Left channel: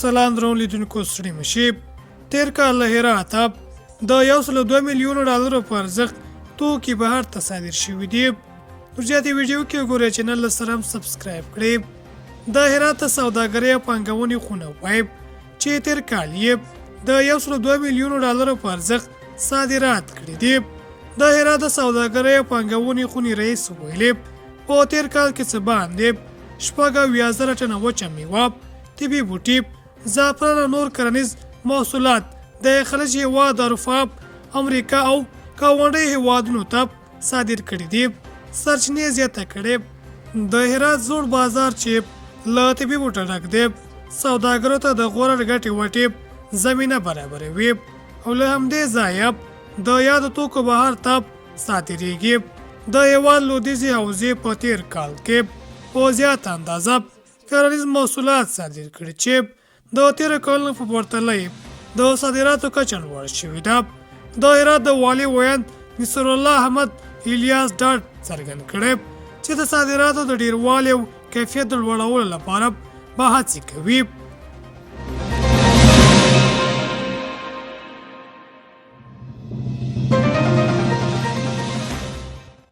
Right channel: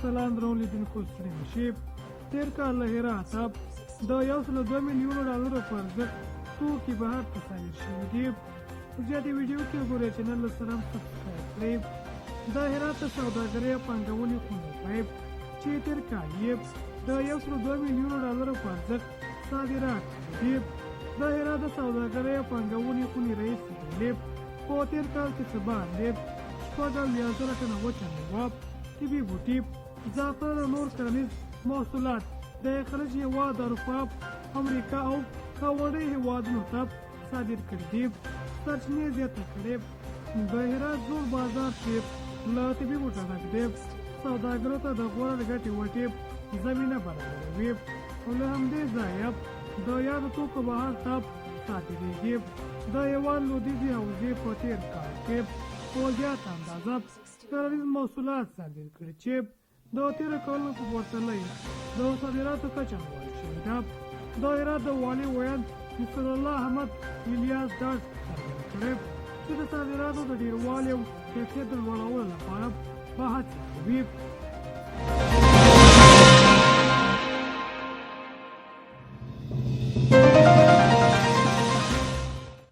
سلام درون لیدونکو ستړي مشي. تیر کال له هراته د 102 میلیونو ډالرو په ارزښت توکي بهر ته صادر شوي دي. نور زیاتې ویډیو کې وګورئ، چینل له سره هم سبسکرایب کړئ. د هرات سوداګرۍ او پانګونې خونه وایي چې تیر کال یې د 102 میلیونو ډالرو په ارزښت صادرات کړي دي. د هرات سوداګرۍ او پانګونې خونې رئیس ویلي په تیر کال کې څه باندې 70,000 ټنه وچه میوه، طبي بوټي، زعفران او نور کرنیز محصولات د خلیج هیواد اروپا، امریکا او ګاونډي هیوادونو ته صادر کړي دي. سرچینې زیاته کړې د هرات زوړ بازار چې له طبي بوټو ډک دی سوداګرو ته د غوره ګټې وټې زمینه برابروي او له همدې ځایه د یادو توکو بهر ته صادریږي. د هیواد لویدیځې حوزې په تیر کال کې په زیاته اندازه کرنیز محصولات صادر کړي چې د تیر کال په پرتله د صادراتو کچه لوړه شوې ده. د هرات د والي ویاند نصر الله احمد الیاس ډاډ څرګند کړی چې د صادراتو د ډیروالي او کیفیت د لوړولو لپاره به هڅې کوي.